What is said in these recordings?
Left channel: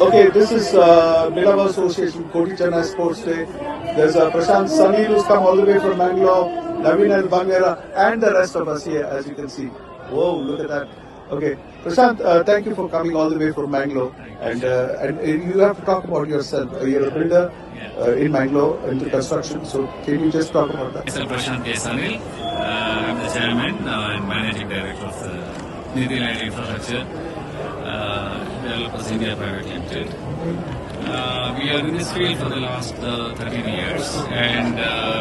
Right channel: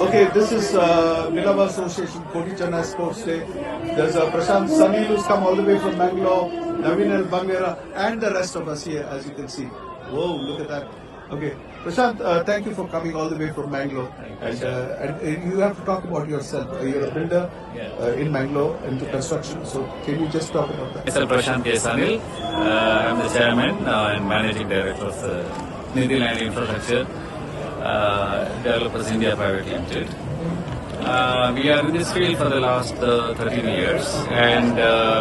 Okay, this is Nilava Association Kodi Chennai Sports Day. There's Prashant Sameer who's come all the way from Bangalore, Naveen and Bangera, and the rest of us here, as you can see. Whoa, look at that. Okay, Prashant, thank you for coming all the way from Bangalore. And you have to talk about yourself. You're a builder in Bangalore into construction. So can you just talk about that? Mr. Prashant K. Sanil. I'm the chairman and managing director of Nidhi Land Infrastructure Developers India Private Limited. We are in this field for the last 13 years, and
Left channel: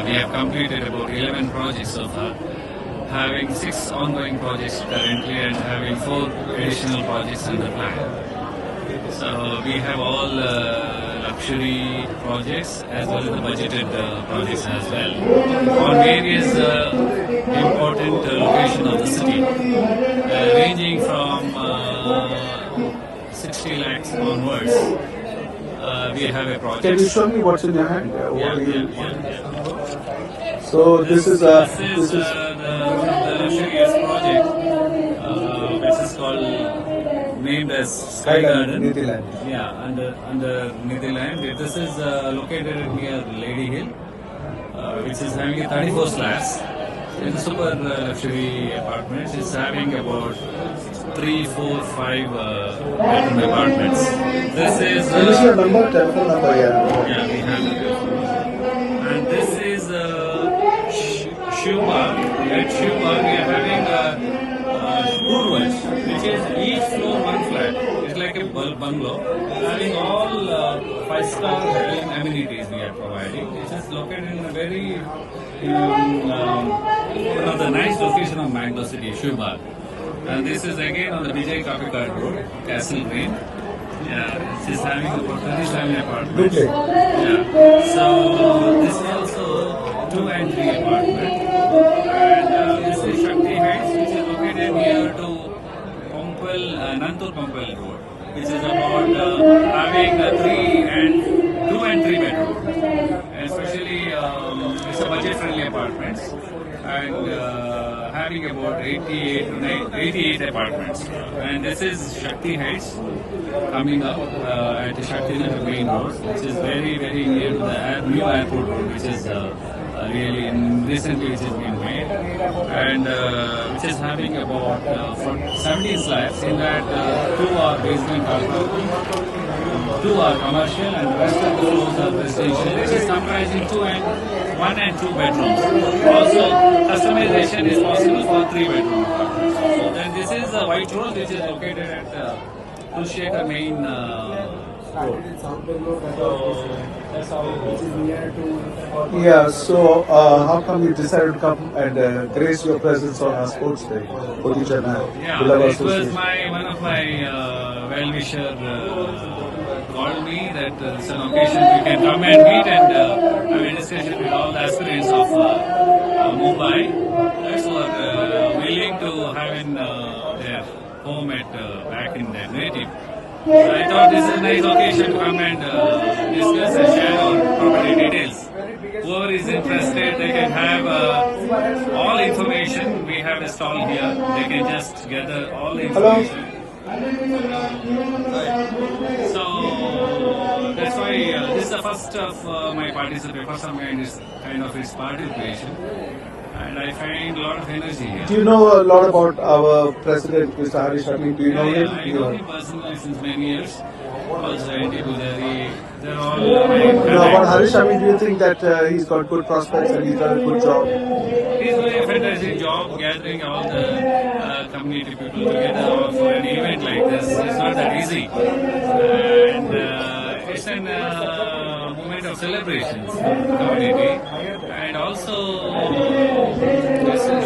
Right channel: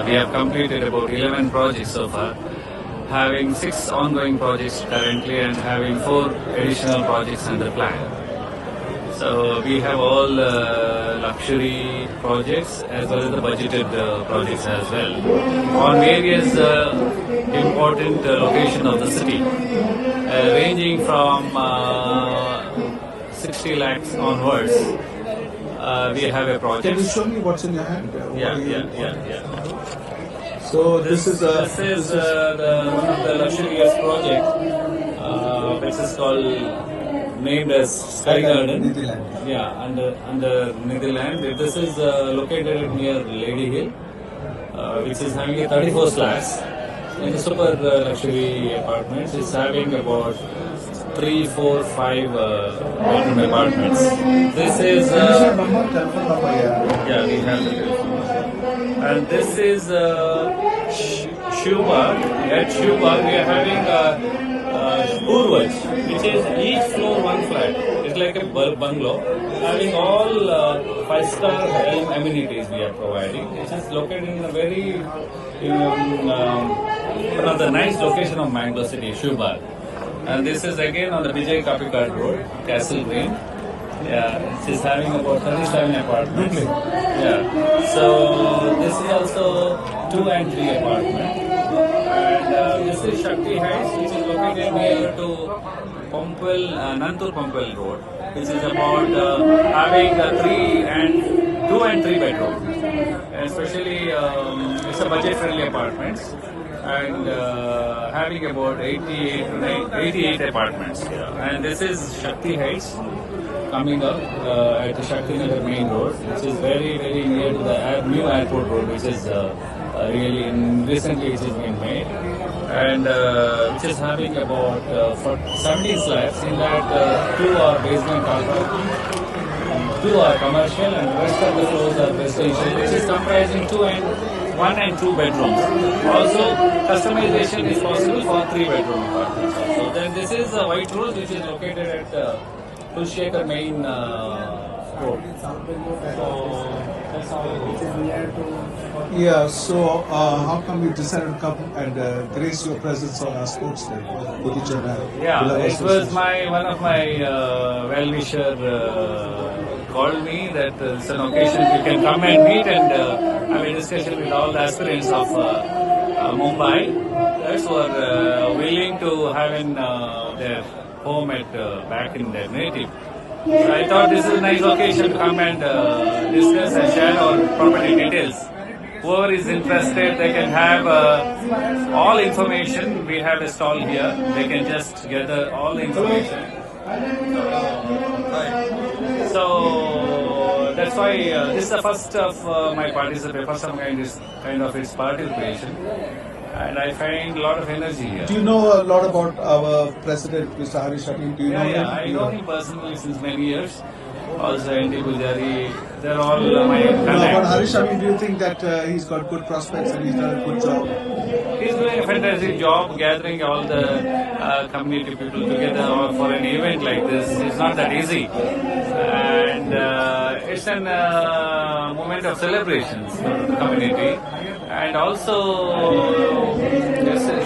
we have completed about 11 projects so far, having 6 ongoing projects currently and having 4 additional projects under plan. So we have all luxury projects as well as the budgeted projects as well on various important locations of the city, ranging from 60 lakhs onwards. We have a project. Can you show me what's in your hand? Yeah. So This is the luxurious project, which is called named as Sky Garden. Nidhi Land. Yeah, under Nidhi Land. This is located near Lady Hill, which is having 34 flats. In the super luxury apartments, it's having about 3, 4, 5 bedroom apartments. This is telephone number, yeah, we have the telephone number. And this is Shubha. At Shubha, we are having Purvaj, which is each floor one flat. It's like a bungalow, having all 5-star amenities we are providing. It is located in a very one of the nice location of Mangalore City, Shubha. And this is again on the Vijay Kapikad Road, Castle Green. Yeah, she's having about 37 apartments. Okay. Yeah. So this is also 2 and 3 apartments. And this is Shakti Heights, which is located near to Nantur Pampel Road, which is about having 2 and 3 bedroom. And especially it's a budget-friendly apartments. And having about 88 apartments. And this is Shakti Heights coming up at the Shakti Nagar main road, which is very, very near to the new airport road, which is really recently which has been made, and which is having about 17 slabs. In that, 2 are basement carpet, 2 are commercial, and the rest of the floors are residential, which is comprising 1 and 2 bedrooms. Also, customization is possible for 3 bedroom apartments. Also, then this is the White Rose, which is located at Kulshekar main road. So that's how it goes. Yeah, so how come you decided to come and grace your presence on our sports day? Kodi Chennai, Yeah, Nilava it was Association. one of my well-wisher called me that it's an occasion we can come and meet and have a discussion with all the aspirants of Mumbai. That's who are willing to have in their home at back in their native. So I thought this is a nice occasion to come and discuss and share our property details. Whoever is interested, they can have all information. We have a stall here. They can just gather all the information. So that's why this is the first of my participation, first of kind of its participation. And I find a lot of energy here. Do you know a lot about our president, Mr. Harish Ravi? Do you know him? I know him personally since many years. Also, N.T. Pujari, they're all my About connects. Harish Ravi, do you think that he's got good prospects and he's done a good job? He's doing a fantastic job gathering all the community people together for an event like this. It's not that easy. And it's an moment of celebrations for the community. And also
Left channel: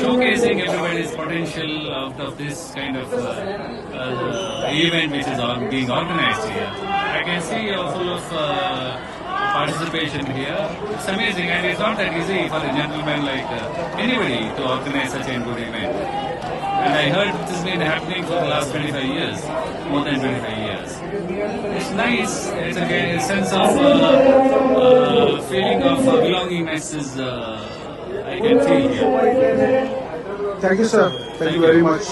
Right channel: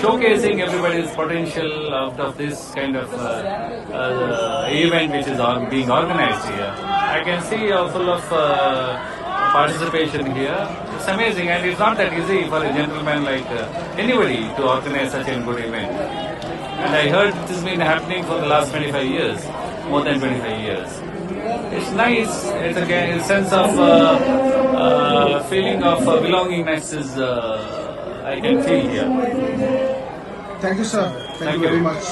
showcasing everybody's potential out of this kind of event which is being organized here. I can see full of participation here. It's amazing, and it's not that easy for a gentleman like anybody to organize such a good event. And I heard it has been happening for the last 25 years, more than 25 years. It's nice. It's again a sense of feeling of belongingness is I can feel here. Thank you, sir. Thank you very much.